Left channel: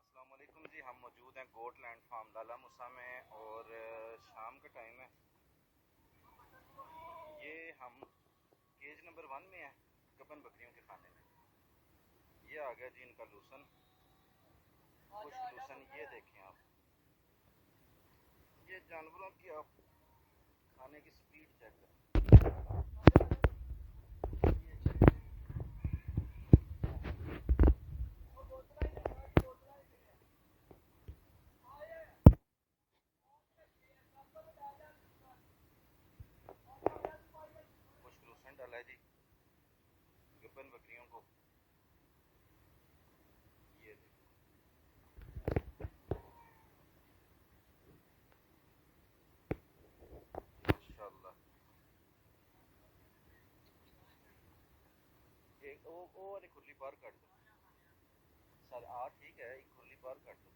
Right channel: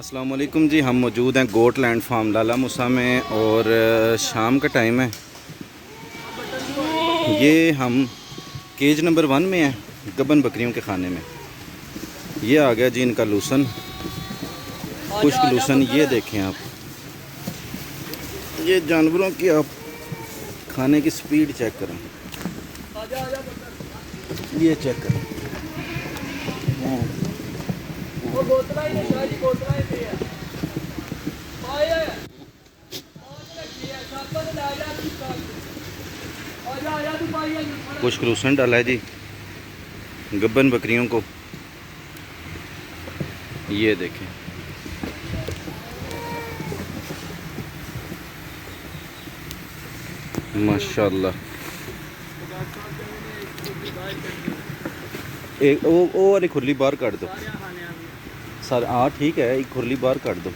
अस्सलाम वालेकुम जी। हम मौजूद हैं गोट लैंड फार्म लाला मूसा में और शाम का टाइम है। ये हम केज नंबर 1 में हैं, गबन बकरियों के खाने में। ये आ गया जी इनका लूसन, खुश्क लूसन। ये देखें आप, ये जानवरों की आप खाने की स्पीड चेक करें, ये चेक करें। खुश्क लूसन डाला है जी गब्बन बकरियों को। ये देखें, माशाल्लाह। एक वो वाली खुरली बाहर काट दो सर। हाँ ठीक है, एक खुरली बाहर काट दो।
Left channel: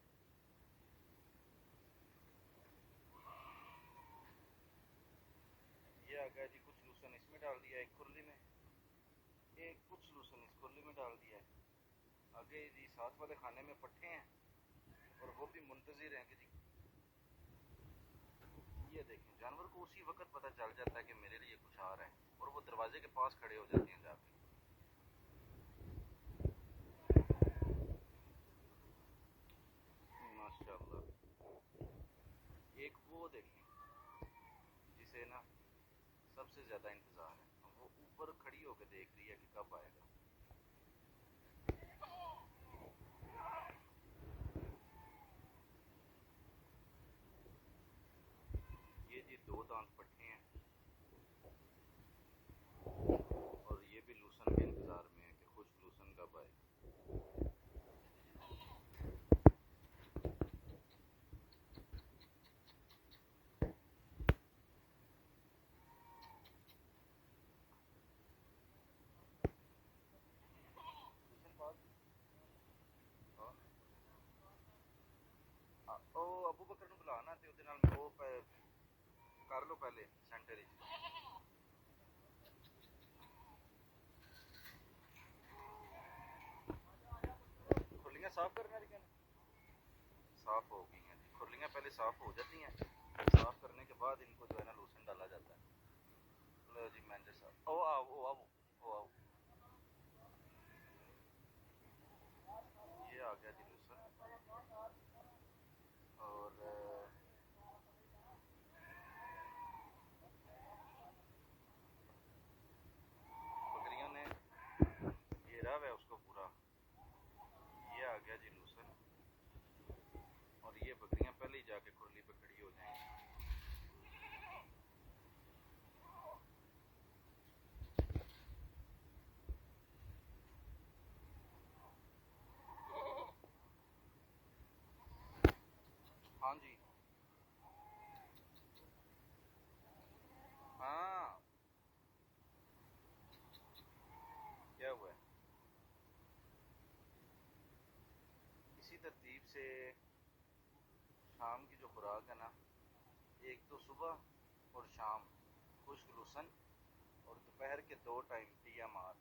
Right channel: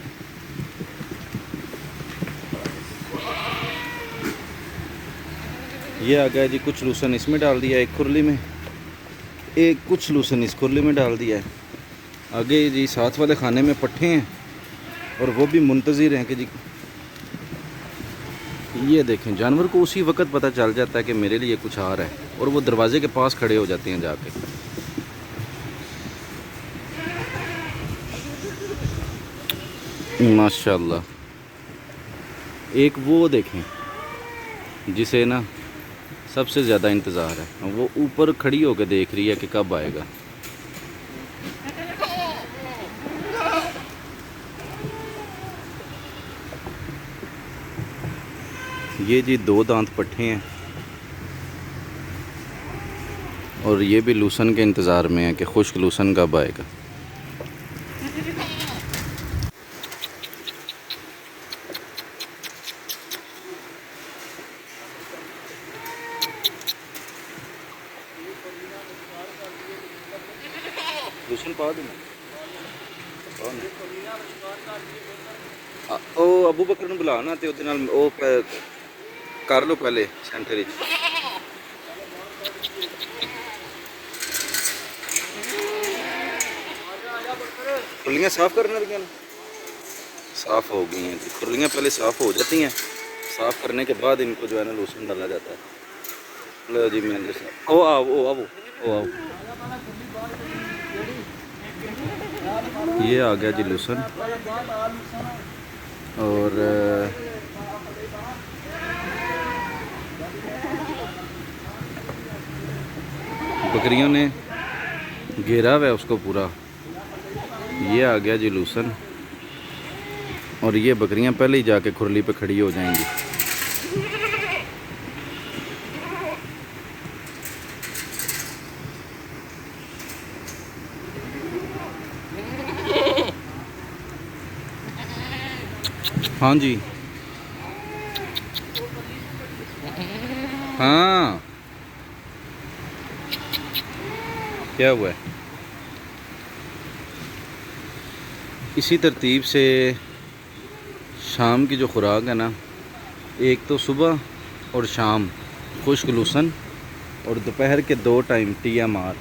ये आ गया जी, कुछ लूसन इसमें डाल दिया एक खुरली में, एक कुछ लूसन इस खुरली में डाल दिया है। आगे जी साथ वाले खाने में पट्ठे हैं और वो भी मुंतज़िर हैं कि जी ये देखें। जानवर को उसी वक्त पता चल जाता है कि मेरे लिए कुछ आ रहा है और वो दरवाजे के पास खड़े हो जाते हैं जाके। माशाल्लाह। एक वो देखें जिसे ना सबसे ज़्यादा इंतज़ार है, वो ऊपर खड़ी होकर देख रही है कि कब आएगा। ये जी 2 दांत पट्ठे हैं और ये भी लूसन के इंतज़ार में है कि खुश्क लूसन कब आएगा। लूसन पा देना। ओ अबू बकर ने बुला ना, तो ਉਹਦੇ ਨਾਲ ਉਹ कर लो पहले सेंटर। खुरलियाँ साफ़ करने लगी ना, साफ़ हो गई हैं जी। खुरलियाँ पहले साफ़ हो जाती हैं, साफ़ करने के बाद इनको जो है ना लूसन डाला जाता है। लो जी मैं ओ आओ ओ आओ ओ आओ। ये आ गया जी लूसन और बकरियों ने घेरा हुआ है उसको पूरा। ये आ गया जी लूसन और ये बकरियां पहले ही जाके खुरली पे खड़ी हो जाएंगी। हाँ जी, हाँ क्या हुआ है। इसी तरतीब से शाम की जो खुराक है ना, एक तो सुबह और शाम खुश्क लूसन और दोपहर के 2 टाइम TMR।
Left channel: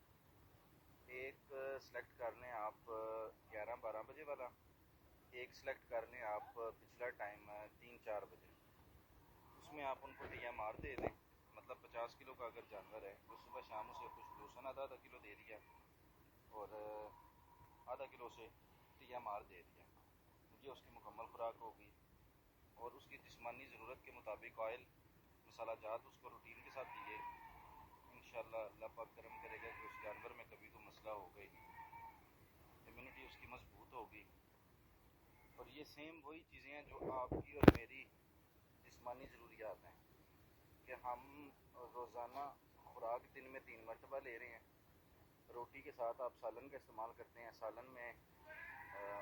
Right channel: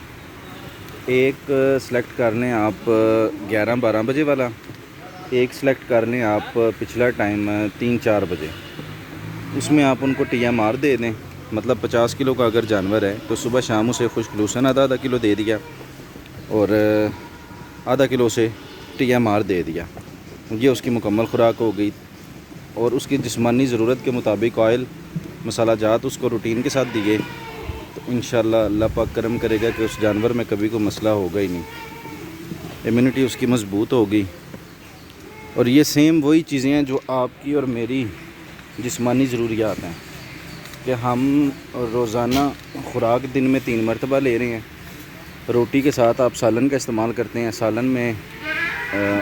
एक सेलेक्ट कर लें आप 11-12 बजे वाला, एक सेलेक्ट कर लें आप पिछला टाइम 3-4 बजे। उसमें आप उनको TMR दे दें। मतलब 50 किलो का अगर जानवर है तो सुबह शाम उसे खुश्क लूसन आधा किलो दे दिया और आधा किलो से TMR दे दिया। ये उसकी मुकम्मल खुराक हो गई। और उसकी जिस्मानी ज़रूरत के मुताबिक ऑयल मसाला जात उसको रूटीन के साथ दिए तो इंशाल्लाह अल्लाह पाक करम करेगा कि उस जानवर में कभी कोई मसला होगा ही नहीं। इम्यूनिटी उसकी मज़बूत होगी। और ये सेम वही चीज़ें हैं जो आपकी और मेरी जिस्मानी ज़रूरियात हैं कि हम रोज़ाना खुराक दिन में 3 मरतबा ले रहे हैं। रोटी के साथ आप सालन का इस्तेमाल करते हैं। सालन में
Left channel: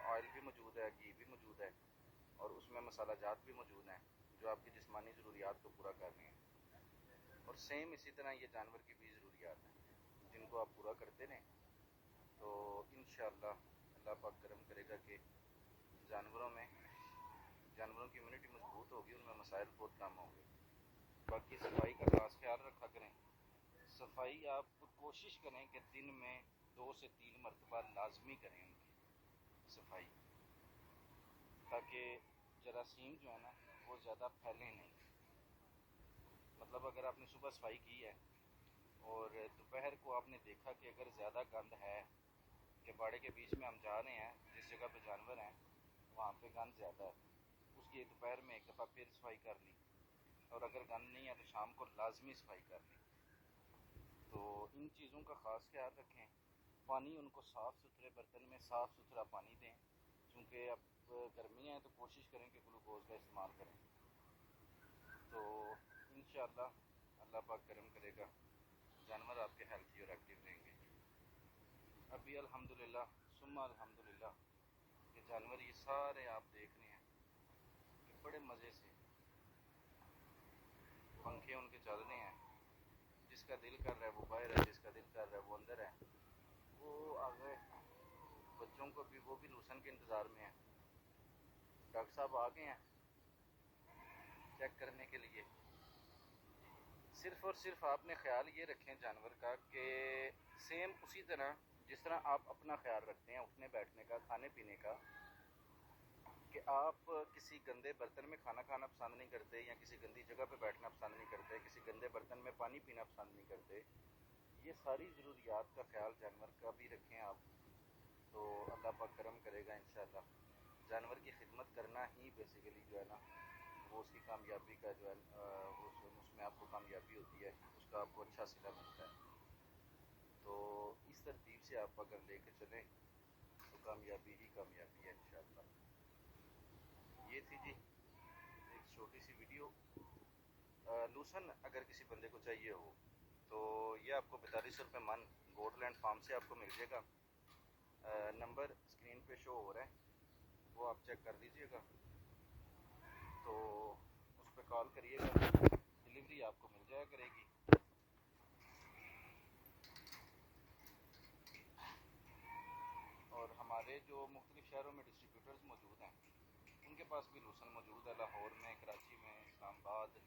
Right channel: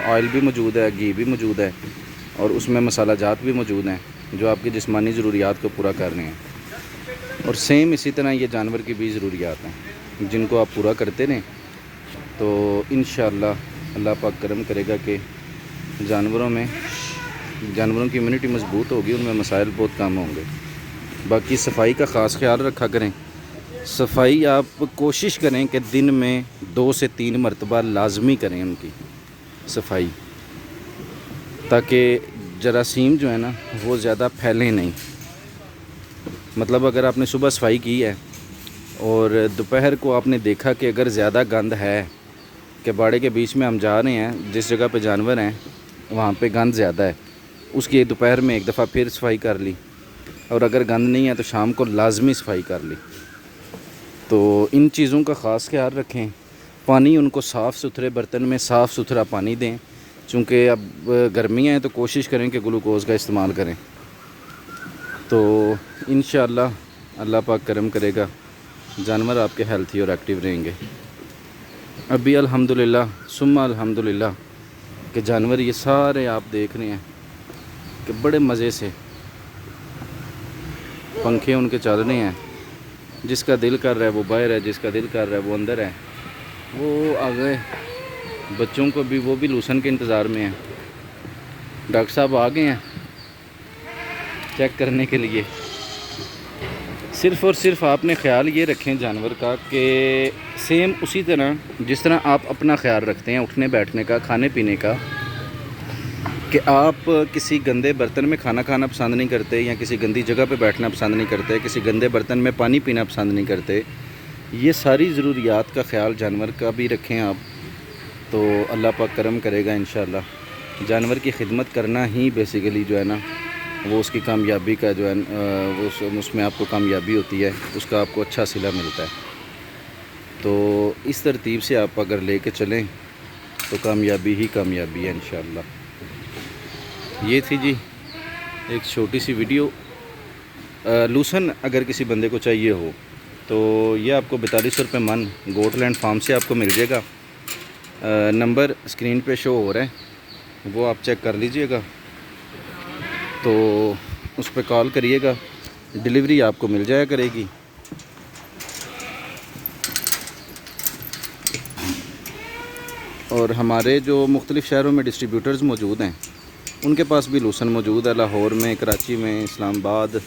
ऑयल भी मौजूद है, घी भी मौजूद है और उसमें मसाला जात भी मौजूद हैं जो आपकी जिस्मानी ज़रूरियात को पूरा कर रहे हैं। और सेम इसी तरह ये जानवर की भी ज़रूरियात हैं जिनको आप पूरा करते रहें तो इंशाअल्लाह अल्लाह पाक करम करेगा कि जानवरों की इम्यूनिटी मज़बूत होगी, उनमें मसाइल बहुत कम होंगे। बाकी सफाई का ख़ास ख्याल रखा करें। सफाई आप कोशिश करें कि दिन में 2 से 3 मरतबा लाजमी करें उनकी सफाई। ताकि जरासीम जो है ना वो ज़्यादा फैलें नहीं। मतलब अगर आपने सुबह सफाई की है और दोपहर को आपने देखा कि अगर ज़्यादा गंद है कि बाड़े के बीच में हम जा रहे हैं, जिस जगह पे जानवर हैं वहाँ पे गंद ज़्यादा है, उसकी दोपहर में एक दफ़ा फिर सफाई कर ली, और अगर गंद नहीं है तो शाम को लाजमी सफाई कर ली। तो इन चीज़ों का ख़ास ख्याल रखें। पानी उनको साफ़ सुथरे बर्तन में साफ़ सुथरा पानी दें, चूँकि अब गर्मियाँ हैं तो कोशिश करें कि ग्लूकोज़ का इस्तेमाल करें। तो इंशाअल्लाह अल्लाह पाक करम करेगा, जानवर आपके हेल्थी और एक्टिव रहेंगे। अभी अल्हम्दुलिल्लाह सुम्मा अल्हम्दुलिल्लाह कि जानवर ये सारे आप देख रहे हैं कि बड़े मज़े से पंखे उनके चल रहे हैं। जिसका दिल कर रहा है वो बाहर है, जिसका दिल कर रहा है वो अंदर है। वो आ गए, बच्चों को भी, वो भी लूसन के इंतज़ार में हैं। डॉक्टर साहब आ गए हैं चेक करने के लिए। सिर्फ़ और सिर्फ आपने ख़्याल ये रखें जानवर का कि सेम उसी तरह जिस तरह आप अपना ख्याल रखते हैं उठने बैठने का, खाने पीने का, कि आप किसी गंदे बर्तन में खाना खाना पसंद नहीं करते या किसी गंदी जगह पे बैठना पसंद नहीं करते, किसी गंदे बर्तन में पानी पीना पसंद नहीं करते, ये सारी ज़रूरियात का ख्याल जानवर का भी रखें आप, तो अल्लाह पाक करम करेगा इंशाअल्लाह। जानवर की खिदमत करना ही बेसिकली जो है ना वो उसकी कामयाबी का जो है वो उसमें आपको कामयाबी होती है, उसका आपको अच्छा सिला मिलता है। तो इस तरतीब से आप अगर लेके चलें तो कामयाबी ही कामयाबी है इंशाअल्लाह। ये थी जी एक छोटी सी वीडियो। लूसन अगर किसी बंदे को चाहिए हो तो ये आपको 4200 रुपये मन गोटलैंड फार्म से आपको मिल जाएगा। नंबर स्क्रीन पे शो हो रहा है, वो आप चेक कर लीजिएगा, तो उस पर कॉल करिएगा, डिलीवरी आपको मिल जाया करेगी। और हमारे जो मुख्तलिफ़ शहरों में डिस्ट्रीब्यूटर्स मौजूद हैं उनके पास भी लूसन मौजूद है। लाहौर में, कराची में, इस्लामाबाद,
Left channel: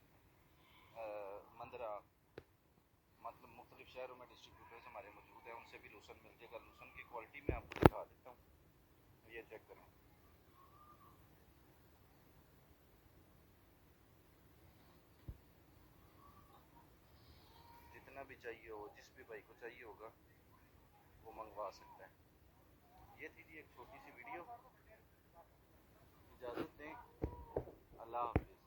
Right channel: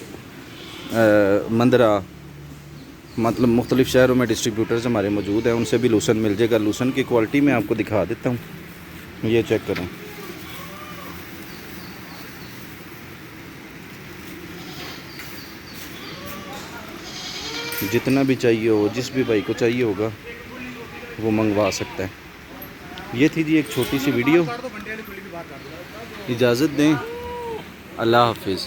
मंदरा, मतलब मुख्तलिफ़ शहरों में डिस्ट्रीब्यूटर्स हमारे मौजूद हैं, उनसे भी लूसन मिल जाएगा। लूसन की क्वालिटी मैं आपको दिखा देता हूँ, ये चेक करें। जितना भी चाहिए हो, जिस भी भाई को चाहिए होगा वो मंगवा सकता है। ये थी जी एक छोटी सी वीडियो। इजाज़त दें, अल्लाह हाफिज़।